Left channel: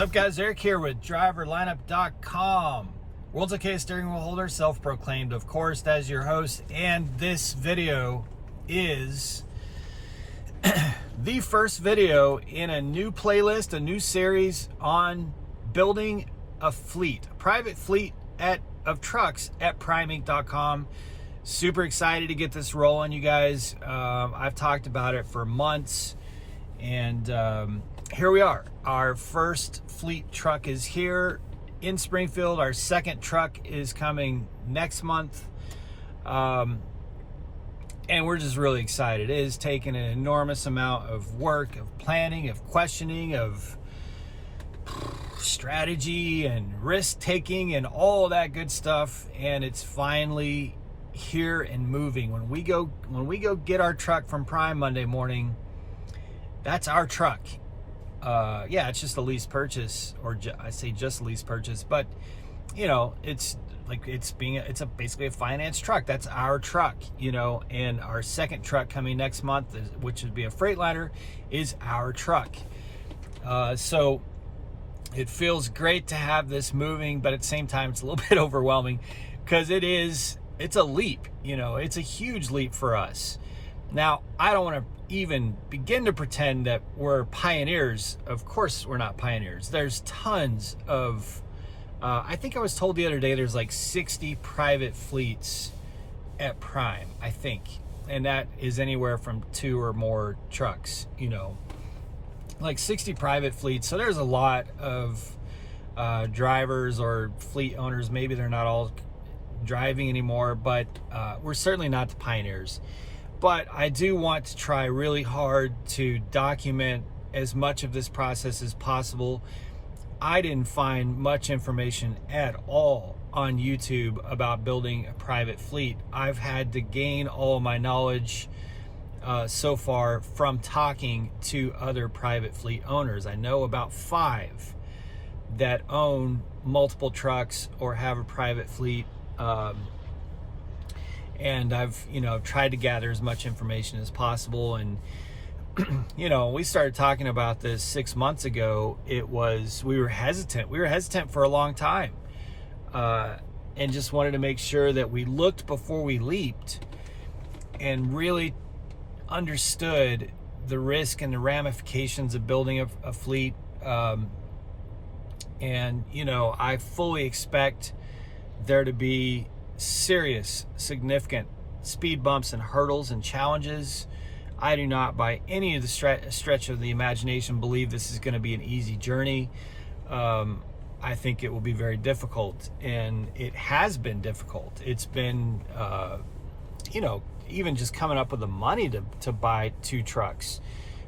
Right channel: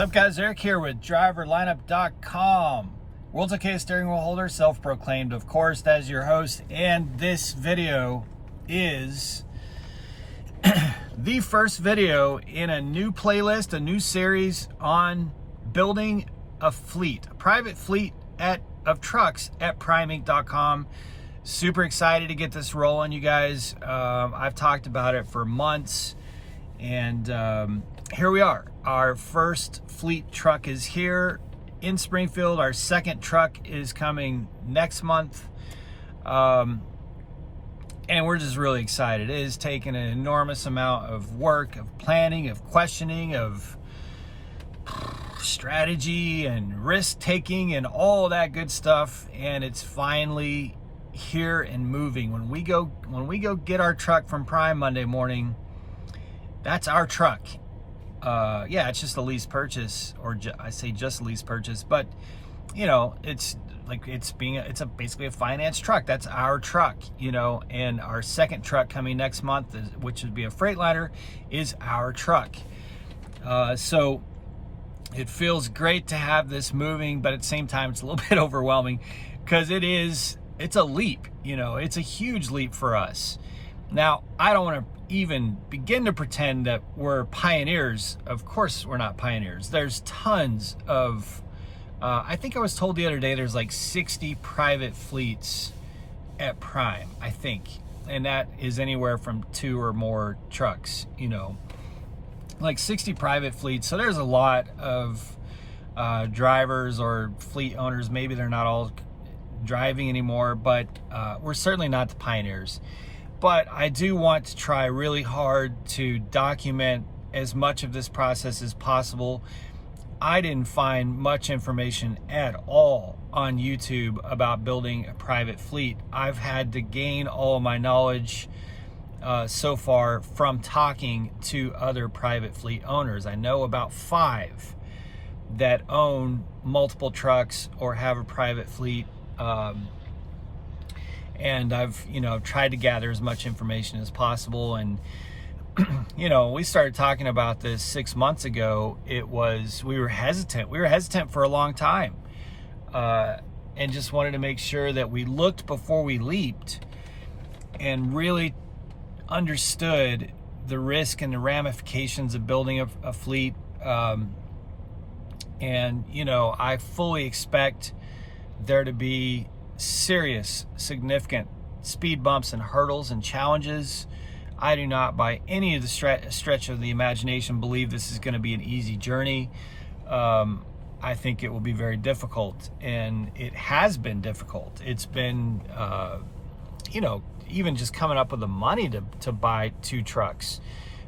What's up, guys? Eric here with driverlineup.com. World's okayest steering wheel holder, self-proclaimed, of course, as your host. And this video is the first video in a new playlist, a new series on building a fleet, a private fleet of trucks at primeinc.com. Super excited to get this rolling, you guys. I've talked about it for months, and here we are. Our first fleet truck is here in Springfield. Our second truck is coming next month. And we're just really excited. It has taken an enormous amount of work, of planning, of questioning, of strategy and risk taking and all that good stuff. And it's finally here and moving. When we go get our truck from Prime Monday morning, that's our truck. Yeah, it's just a lease purchase, or I say just a lease purchase, but you know, it's basically a finance truck. That's our truck, you know. And our second truck coming next month, which would be a Freightliner, is our truck. So it feels great to have this moving, but at the same time, it's a little bit overwhelming because it's a leap, you know. It's a huge leap for us. Now, I don't want to even begin to pretend that we're pioneers. Of course, we're not pioneers. There's tons of, I think I was told the other day, there's like 60 private fleets at Prime, I think. And that is anywhere from 2 or more trucks, you know, like 60 private fleets. So there's a lot of drivers or fleet owners. Maybe they're not all driving anymore, but we're certainly not the pioneers. But I do want to try really hard to document as much of this process as possible. I didn't find much information at all on YouTube about building a private fleet. I've had to gain all of my knowledge so far from talking to other private fleet owners. I know about 5 that own multiple trucks or have a private fleet. And I've, tried to gather as much information as possible. And, we started talking about this 6 months ago. We were hesitant. We were hesitant for a long time. And just wanted to make sure that we looked before we leaped and really understood the risk and the ramifications of building a fleet. And, I fully expect there to be serious, significant speed bumps and hurdles and challenges. I do not, by any of the stretch of the imagination, believe this is going to be an easy journey. I think it will be very difficult, and it has been difficult. It's been, even just coming up with the money to buy 2 trucks.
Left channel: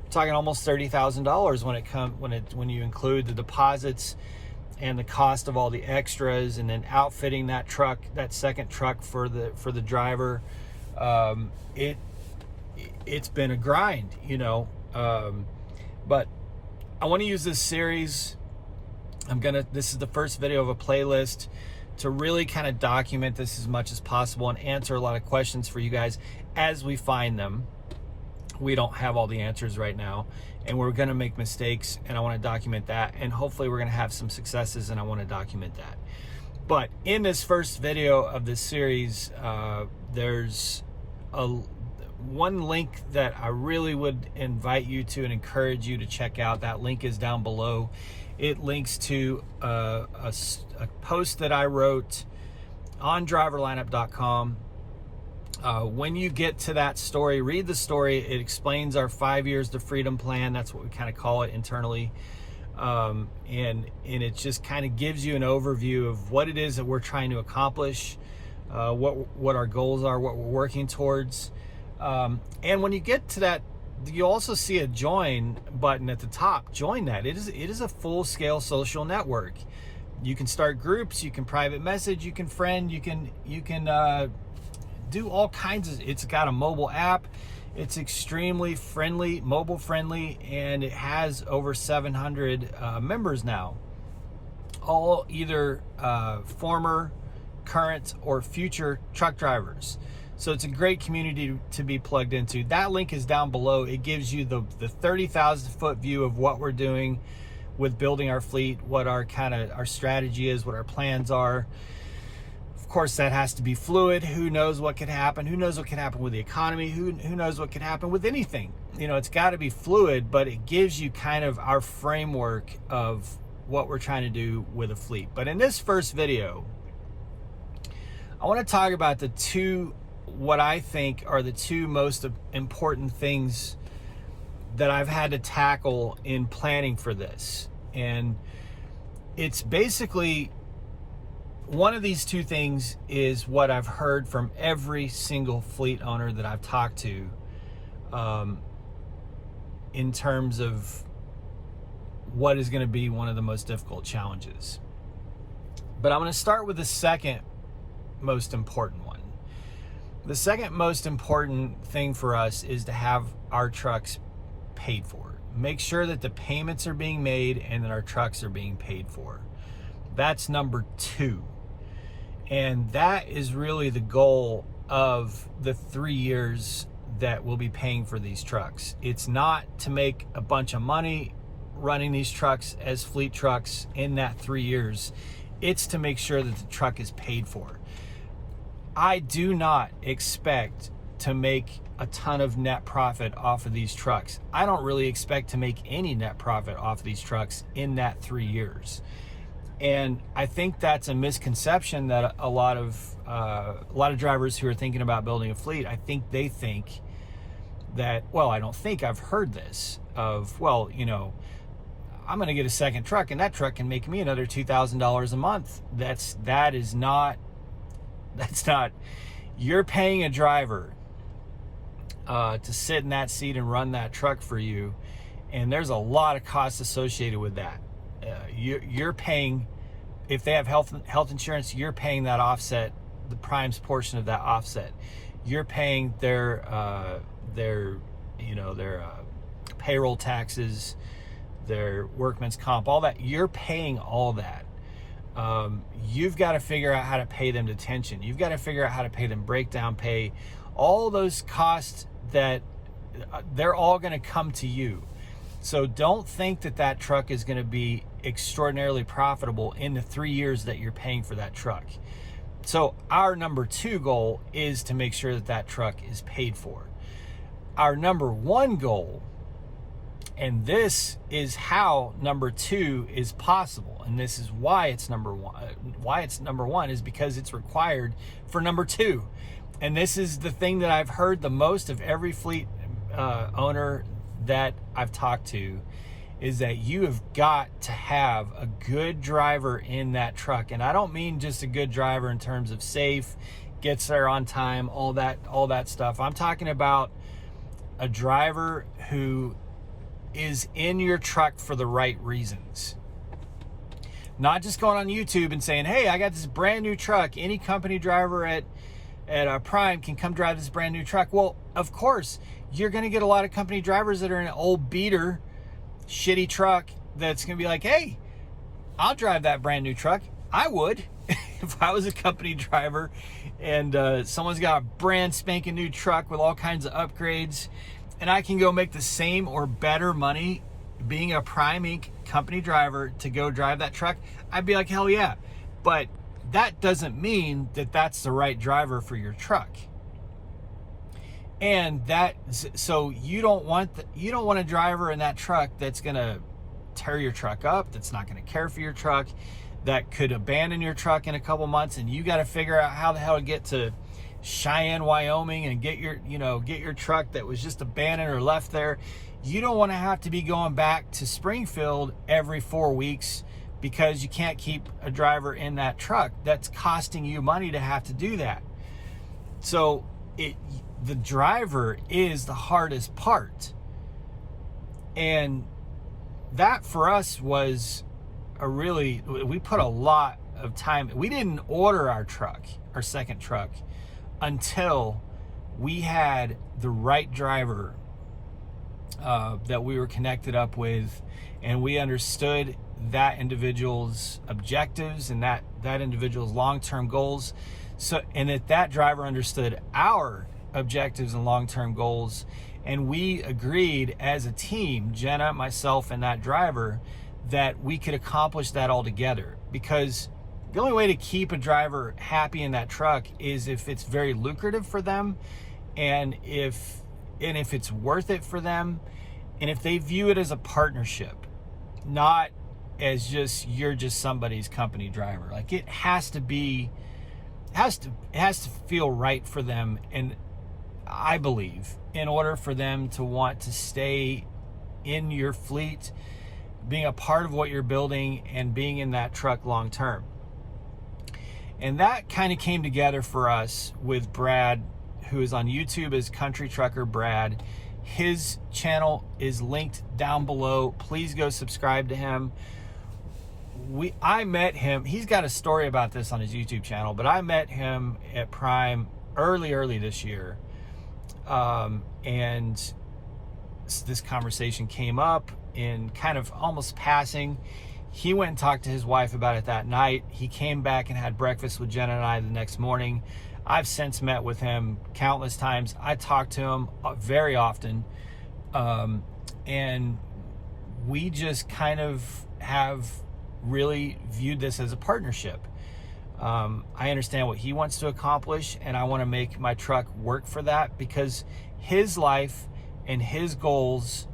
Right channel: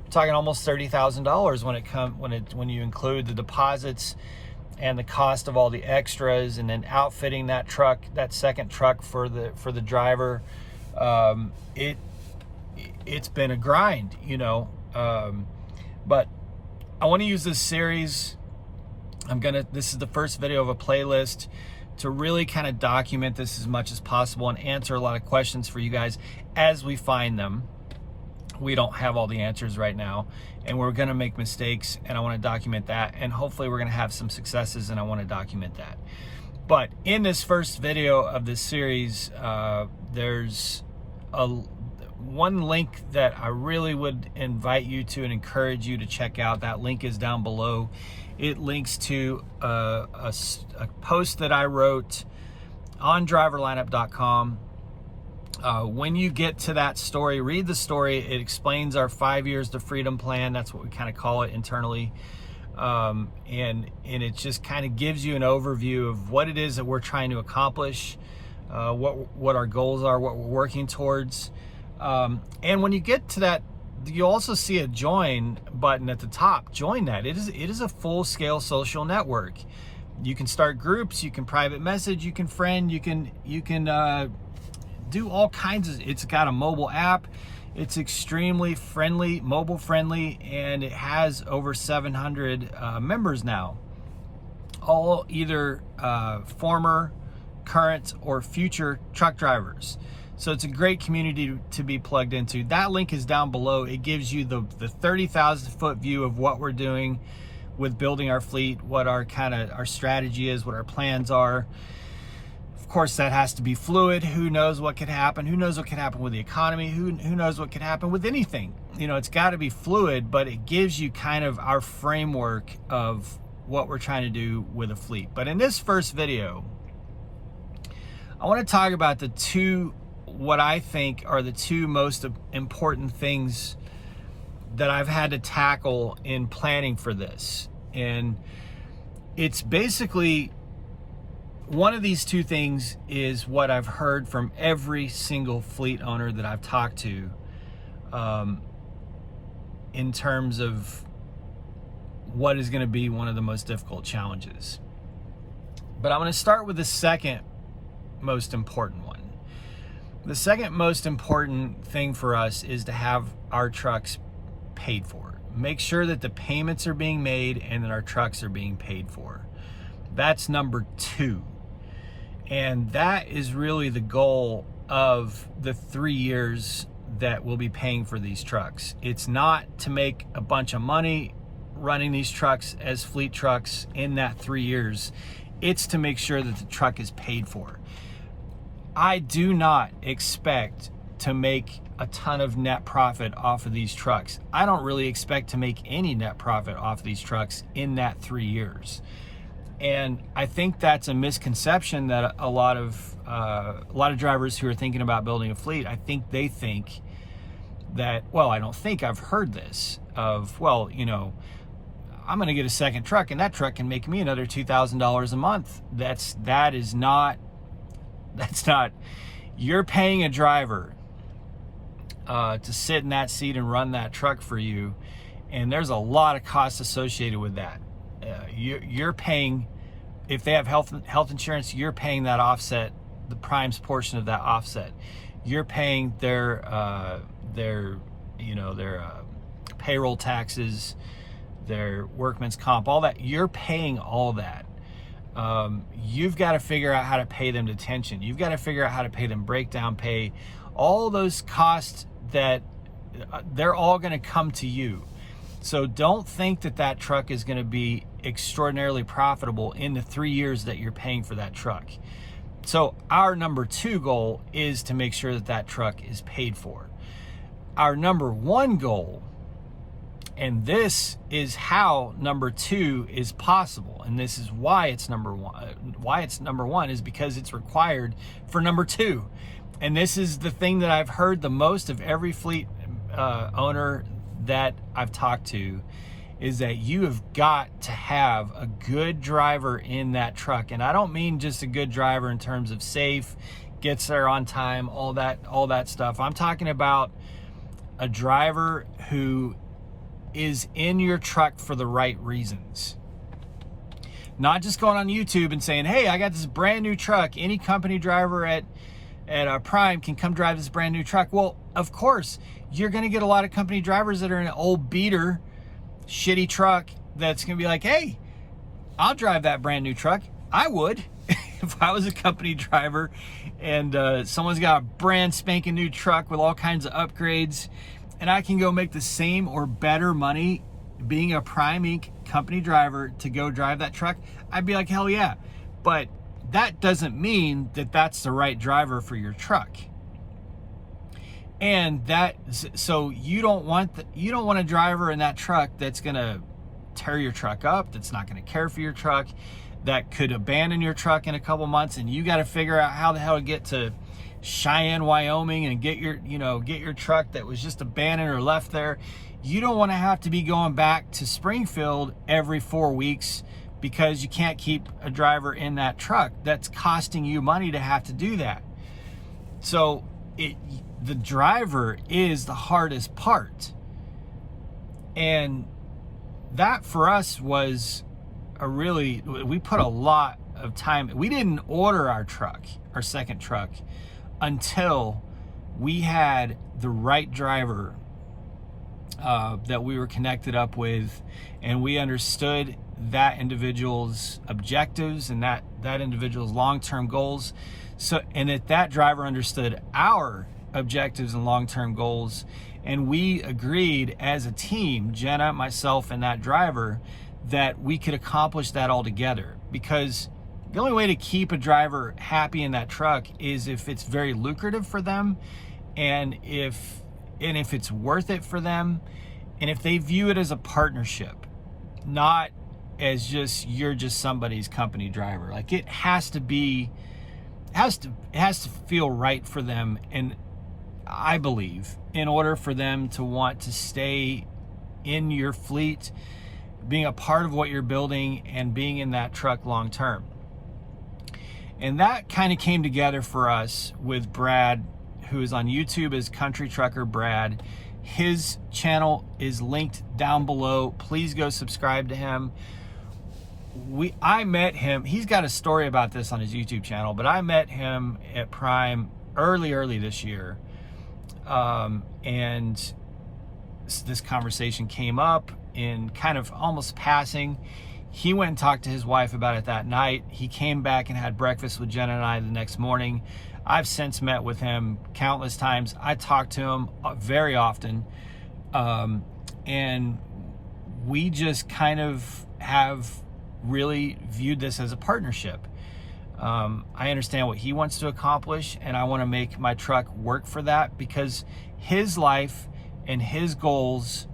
We're talking almost $30,000 when you include the deposits and the cost of all the extras, and then outfitting that truck, that second truck for the driver. It's been a grind, but I want to use this series. This is the first video of a playlist to really kind of document this as much as possible and answer a lot of questions for you guys as we find them. We don't have all the answers right now, and we're going to make mistakes, and I want to document that, and hopefully we're going to have some successes, and I want to document that. But in this first video of this series, there's one link that I really would invite you to and encourage you to check out. That link is down below. It links to a post that I wrote on driverlineup.com. When you get to that story, read the story. It explains our 5 years to freedom plan. That's what we kind of call it internally. And it just kind of gives you an overview of what it is that we're trying to accomplish, what our goals are, what we're working towards. And when you get to that, you also see a join button at the top. Join that. It is a full-scale social network. You can start groups, you can private message, you can friend, you can do all kinds of. It's got a mobile app. It's extremely friendly, mobile friendly, and it has over 700 members now, all either former, current, or future truck drivers. So it's a great community to be plugged into. That link is down below. It gives you the 30,000 foot view of what we're doing, with building our fleet, what our our strategy is, what our plans are. Of course, that has to be fluid. Who knows what could happen? Who knows what could happen with the economy? Who knows what could happen with anything? You know, it's got to be fluid, but it gives you kind of our framework of what we're trying to do with a fleet. But in this first video, I want to talk about what I think are the two most important things that I've had to tackle in planning for this. And it's basically, one of these two things is what I've heard from every single fleet owner that I've talked to, in terms of what is going to be one of the most difficult challenges. But I'm going to start with the second most important one. The second most important thing for us is to have our trucks paid for. Make sure that the payments are being made and that our trucks are being paid for. That's number two. And that is really the goal of the 3 years that we'll be paying for these trucks. It's not to make a bunch of money running these trucks as fleet trucks in that 3 years. It's to make sure that the truck is paid for. I do not expect to make a ton of net profit off of these trucks. I don't really expect to make any net profit off of these trucks in that 3 years. And I think that's a misconception that a lot of drivers who are thinking about building a fleet, I think they think that, well, I don't think, I've heard this of, well, you know, I'm going to get a second truck and that truck can make me another $2,000 a month. That's not, you're paying a driver to sit in that seat and run that truck for you. And there's a lot of costs associated with that. You're paying, if they have health insurance, you're paying that offset, the Prime's portion of that offset. You're paying their payroll taxes, their workman's comp, all that. You're paying all that. You've got to figure out how to pay them detention. You've got to figure out how to pay them breakdown pay. All those costs that they're all going to come to you. So don't think that that truck is going to be extraordinarily profitable in the 3 years that you're paying for that truck. So our number two goal is to make sure that that truck is paid for. Our number one goal, and this is how number two is possible, and this is why it's number one, is because it's required for number two. And this is the thing that I've heard the most of every fleet owner that I've talked to, is that you have got to have a good driver in that truck. And I don't mean just a good driver in terms of safe, gets there on time, all that stuff. I'm talking about a driver who is in your truck for the right reasons. Not just going on YouTube and saying, hey, I got this brand new truck. Any company driver at Prime can come drive this brand new truck. Well, of course, you're going to get a lot of company drivers that are in an old beater, shitty truck that's going to be like, hey, I'll drive that brand new truck. I would if I was a company driver and someone's got a brand spanking new truck with all kinds of upgrades, and I can go make the same or better money being a Prime Inc. company driver to go drive that truck. I'd be like, hell yeah. But that doesn't mean that that's the right driver for your truck. And so you don't want a driver in that truck that's going to tear your truck up, that's not going to care for your truck, that could abandon your truck in a couple months, and you got to figure out how the hell to get to Cheyenne, Wyoming, and get your truck that was just abandoned or left there. You don't want to have to be going back to Springfield every 4 weeks because you can't keep a driver in that truck. That's costing you money to have to do that. So the driver is the hardest part. And that for us was we put a lot of time. We didn't order our second truck, until we had the right driver that we were connected up with, and we understood that individual's objectives and that individual's long-term goals. And that driver understood our objectives and long-term goals, and we agreed as a team, Jenna, myself, and that driver, that we could accomplish that all together, because the only way to keep a driver happy in that truck is if it's very lucrative for them, and if it's worth it for them, and if they view it as a partnership, not as just you're just somebody's company driver. Like, it has to feel right for them. And I believe in order for them to want to stay in your fleet, being a part of what you're building and being in that truck long term. And that kind of came together for us with Brad, who is on YouTube as Country Trucker Brad. His channel is linked down below. Please go subscribe to him. I met him. He's got a story about this on his YouTube channel, but I met him at Prime early this year. And this conversation came up in kind of almost passing. He went and talked to his wife about it that night. He came back and had breakfast with Jen and I the next morning. I've since met with him countless times. I talk to him very often. And we just kind of have really viewed this as a partnership. I understand what he wants to accomplish, and I want to make my truck work for that, because his life and his goals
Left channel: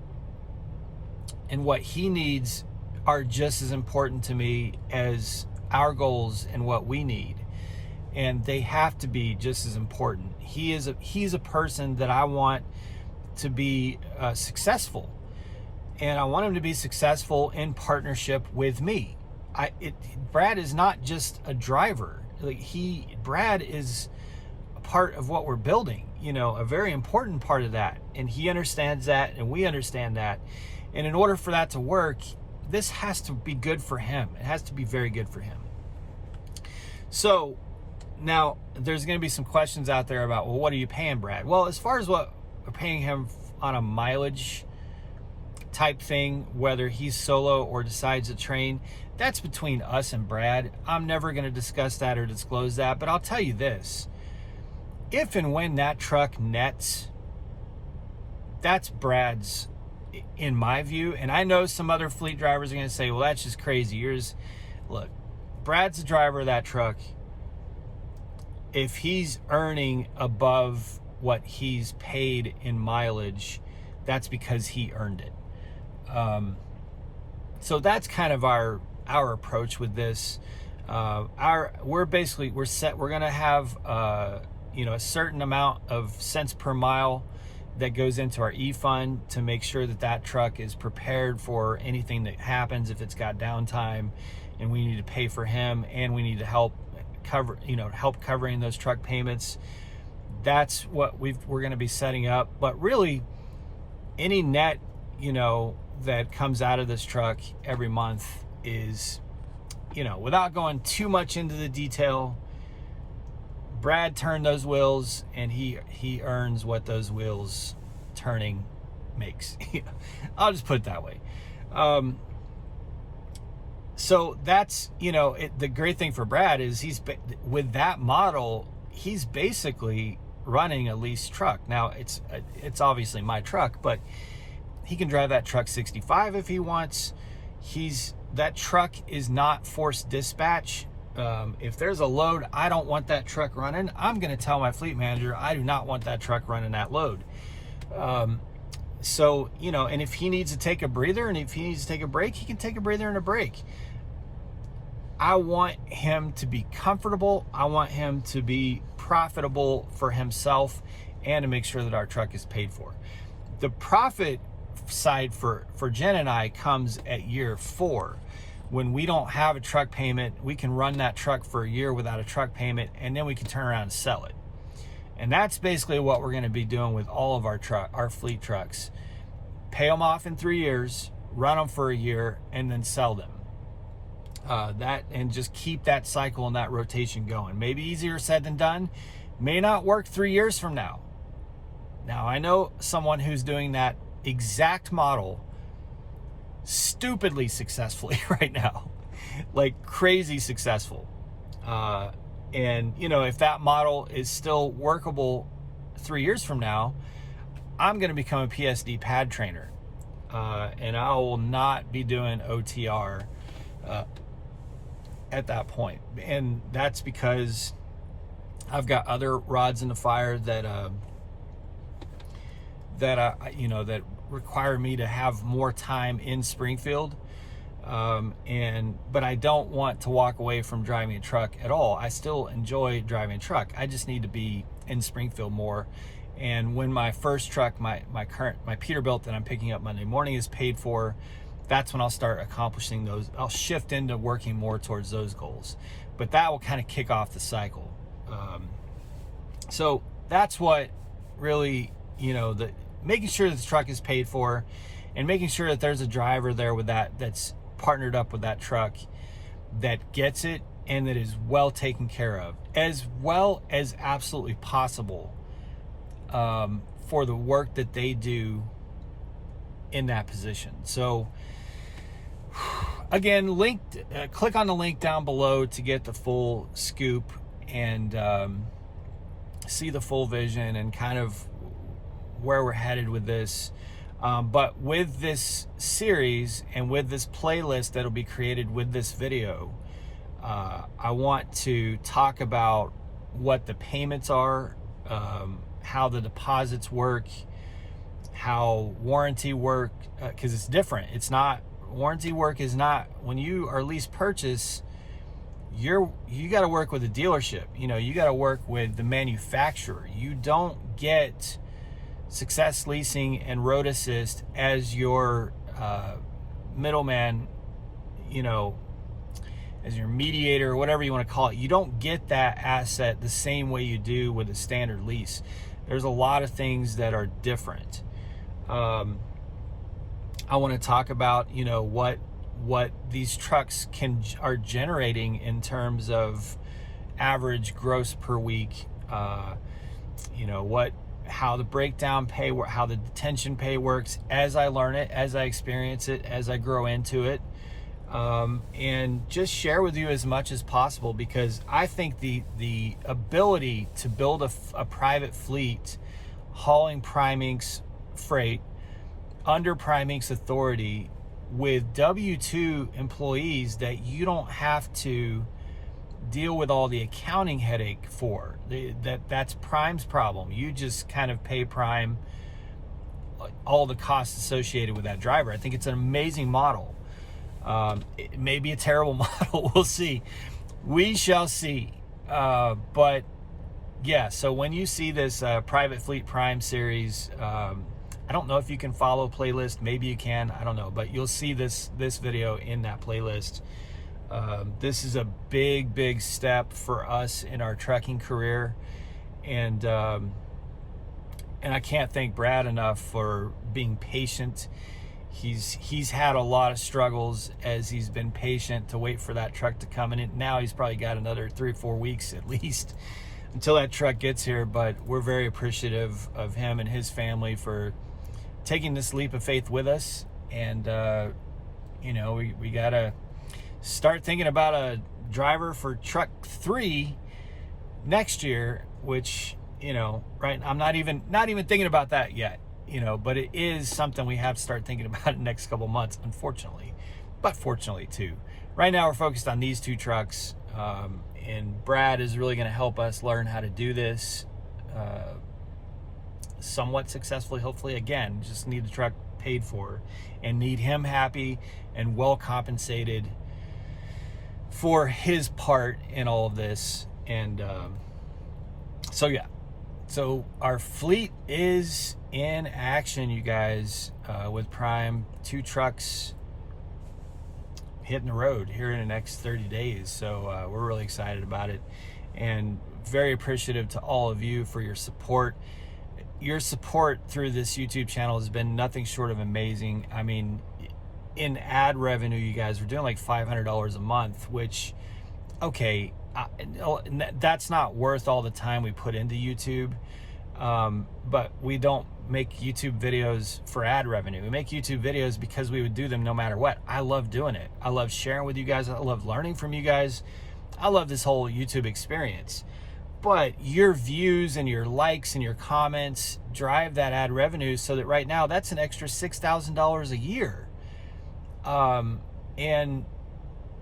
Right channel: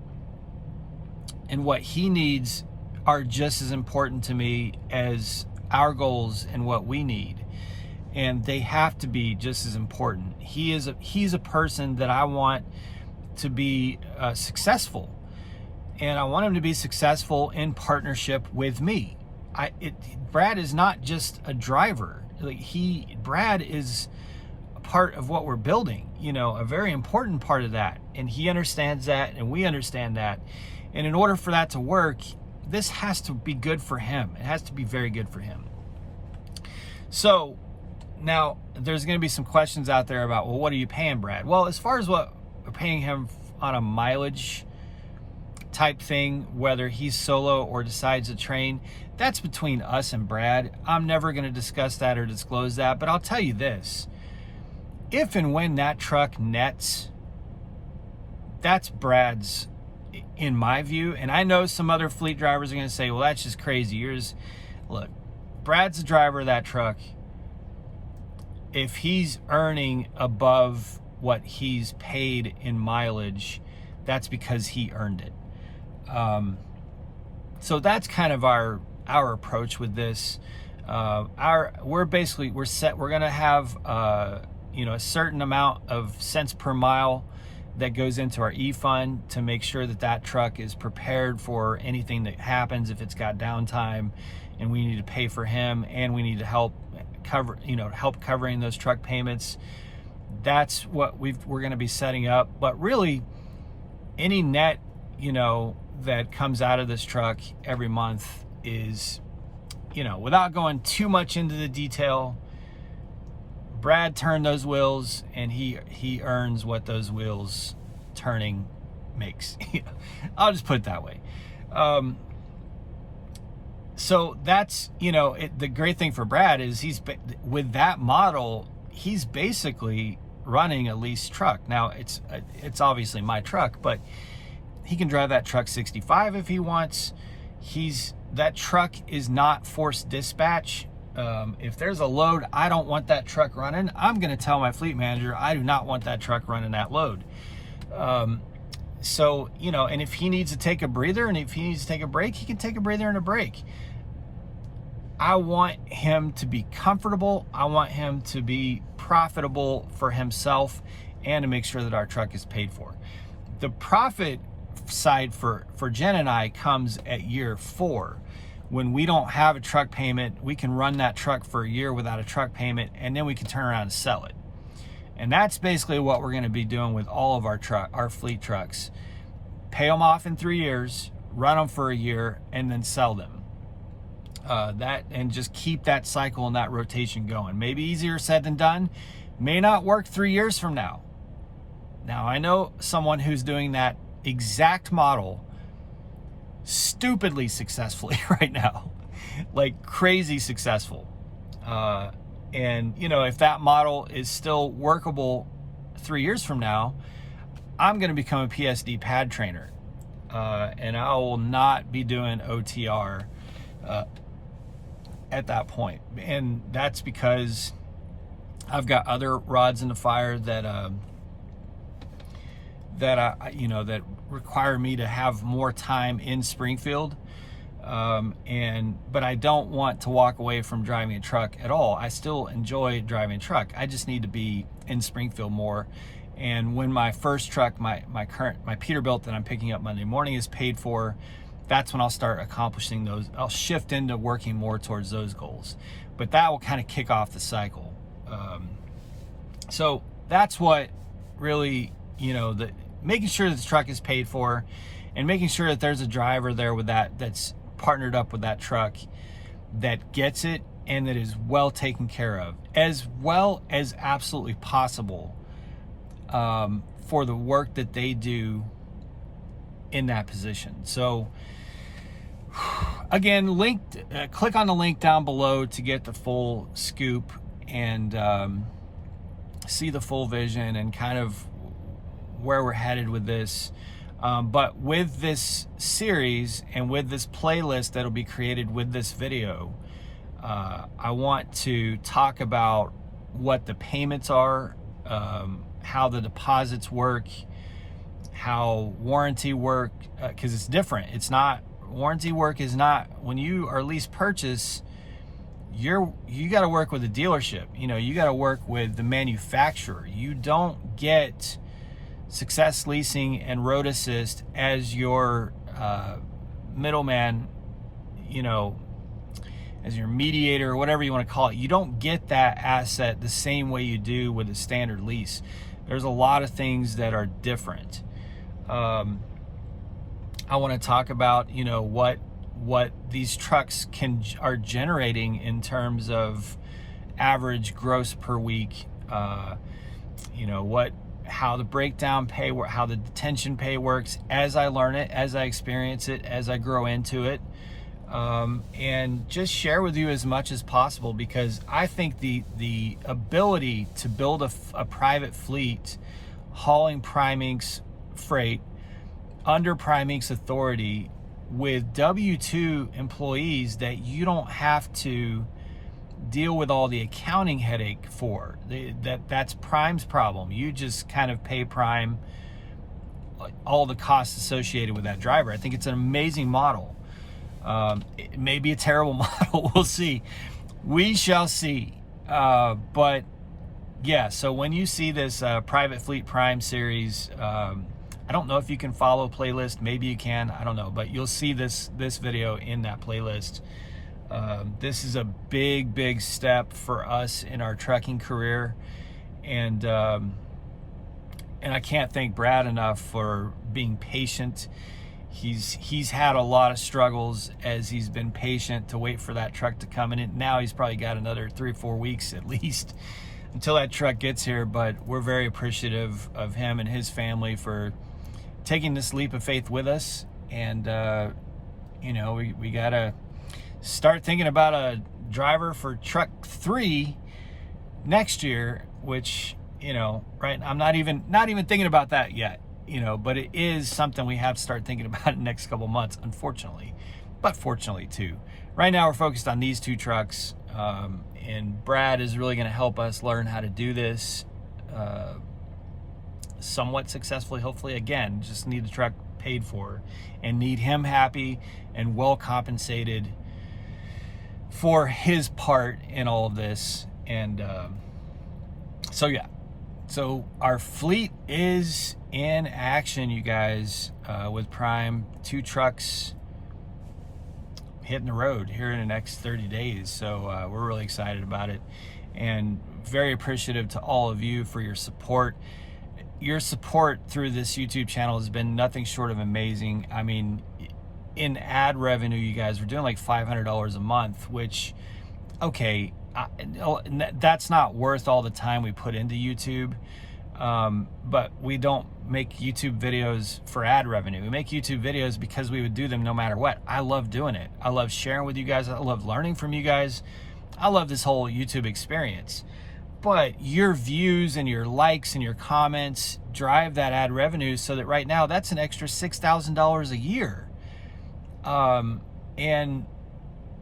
and what he needs are just as important to me as our goals and what we need. And they have to be just as important. He's a person that I want to be successful, and I want him to be successful in partnership with me. Brad is not just a driver. Brad is a part of what we're building, a very important part of that. And he understands that, and we understand that. And in order for that to work, this has to be good for him. It has to be very good for him. So now there's going to be some questions out there about, well, what are you paying Brad? Well, as far as what we're paying him on a mileage type thing, whether he's solo or decides to train, that's between us and Brad. I'm never going to discuss that or disclose that, but I'll tell you this. If and when that truck nets, that's Brad's, in my view. And I know some other fleet drivers are going to say, well, that's just crazy. Look, Brad's the driver of that truck. If he's earning above what he's paid in mileage, that's because he earned it. So that's kind of our approach with this. We're set. We're going to have a certain amount of cents per mile that goes into our e-fund to make sure that truck is prepared for anything that happens if it's got downtime, and we need to pay for him, and we need to help covering those truck payments. That's what we're going to be setting up. But really, any net that comes out of this truck every month is, without going too much into the detail, Brad turned those wheels, and he earns what those wheels turning makes. I'll just put it that way. So that's, the great thing for Brad is with that model, he's basically running a lease truck. Now it's obviously my truck, but he can drive that truck 65 if he wants. That truck is not forced dispatch. If there's a load I don't want that truck running, I'm going to tell my fleet manager I do not want that truck running that load. So, and if he needs to take a breather, and if he needs to take a break, he can take a breather and a break. I want him to be comfortable. I want him to be profitable for himself, and to make sure that our truck is paid for. The profit side for Jen and I comes at year 4. When we don't have a truck payment, we can run that truck for a year without a truck payment, and then we can turn around and sell it. And that's basically what we're going to be doing with all of our fleet trucks. Pay them off in 3 years, run them for a year, and then sell them. And just keep that cycle and that rotation going. Maybe easier said than done. May not work 3 years from now. Now, I know someone who's doing that exact model stupidly successfully right now, like crazy successful. And if that model is still workable 3 years from now, I'm going to become a PSD pad trainer. and I will not be doing OTR at that point. And that's because I've got other rods in the fire that that require me to have more time in Springfield. But I don't want to walk away from driving a truck at all. I still enjoy driving a truck. I just need to be in Springfield more. And when my first truck, my Peterbilt that I'm picking up Monday morning is paid for, that's when I'll start accomplishing those. I'll shift into working more towards those goals. But that will kind of kick off the cycle. So that's what really, making sure that the truck is paid for, and making sure that there's a driver there with that's partnered up with that truck that gets it and that is well taken care of, as well as absolutely possible, for the work that they do in that position. So again, click on the link down below to get the full scoop and see the full vision and kind of where we're headed with this. But with this series and with this playlist that'll be created with this video, I want to talk about what the payments are, how the deposits work, how warranty work, because it's different. It's not, warranty work is not, when you are lease purchase, you got to work with the dealership. You got to work with the manufacturer. You don't get Success Leasing and Road Assist as your middleman, as your mediator, or whatever you want to call it. You don't get that asset the same way you do with a standard lease. There's a lot of things that are different. I want to talk about, what these trucks are generating in terms of average gross per week. How the breakdown pay, how the detention pay works as I learn it, as I experience it, as I grow into it, and just share with you as much as possible, because I think the ability to build a private fleet hauling Prime Inc.'s freight under Prime Inc.'s authority with W-2 employees that you don't have to deal with all the accounting headache for, that's Prime's problem. You just kind of pay Prime all the costs associated with that driver. I think it's an amazing model. It may be a terrible model. We'll see. We shall see. But yeah, so when you see this Private Fleet Prime series, I don't know if you can follow playlist. Maybe you can. I don't know. But you'll see this video in that playlist. This is a big step for us in our trucking career, and I can't thank Brad enough for being patient. He's had a lot of struggles as he's been patient to wait for that truck to come in. Now he's probably got another 3 or 4 weeks at least until that truck gets here. But we're very appreciative of him and his family for taking this leap of faith with us, and we gotta start thinking about a driver for truck 3 next year, which, right, I'm not even thinking about that yet, but it is something we have to start thinking about in the next couple months, unfortunately, but fortunately too. Right now we're focused on these 2 trucks, and Brad is really going to help us learn how to do this somewhat successfully, hopefully. Again, just need the truck paid for and need him happy and well compensated for his part in all of this. And so our fleet is in action, you guys, with Prime. 2 trucks hitting the road here in the next 30 days. So we're really excited about it, and very appreciative to all of you for your support. Your support through this YouTube channel has been nothing short of amazing. I mean, in ad revenue, you guys, we're doing like $500 a month, which, okay, that's not worth all the time we put into YouTube. But we don't make YouTube videos for ad revenue. We make YouTube videos because we would do them no matter what. I love doing it. I love sharing with you guys. I love learning from you guys. I love this whole YouTube experience. but your views and your likes and your comments drive that ad revenue, so that right now that's an extra $6,000 a year. And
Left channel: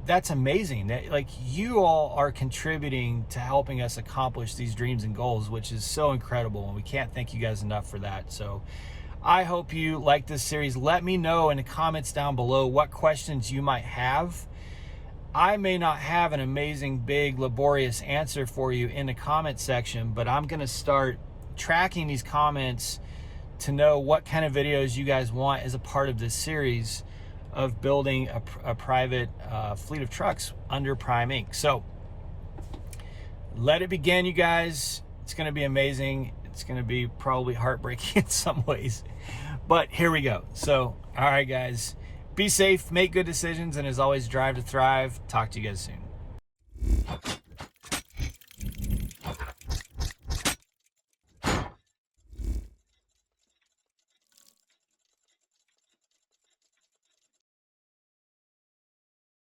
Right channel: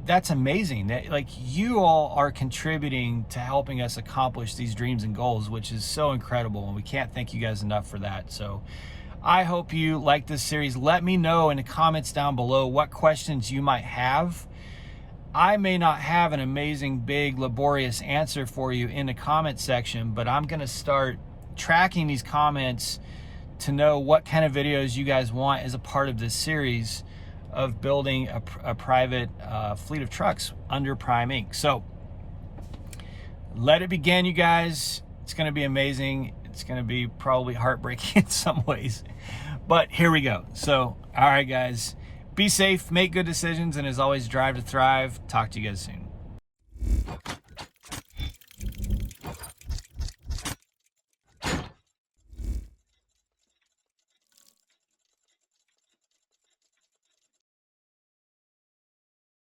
that's amazing. Like, you all are contributing to helping us accomplish these dreams and goals, which is so incredible, and we can't thank you guys enough for that. So I hope you like this series. Let me know in the comments down below what questions you might have. I may not have an amazing, big, laborious answer for you in the comment section, but I'm going to start tracking these comments to know what kind of videos you guys want as a part of this series of building a private fleet of trucks under Prime Inc. So let it begin, you guys. It's going to be amazing. It's going to be probably heartbreaking in some ways, but here we go. So, all right, guys, be safe, make good decisions, and as always, drive to thrive. Talk to you guys soon.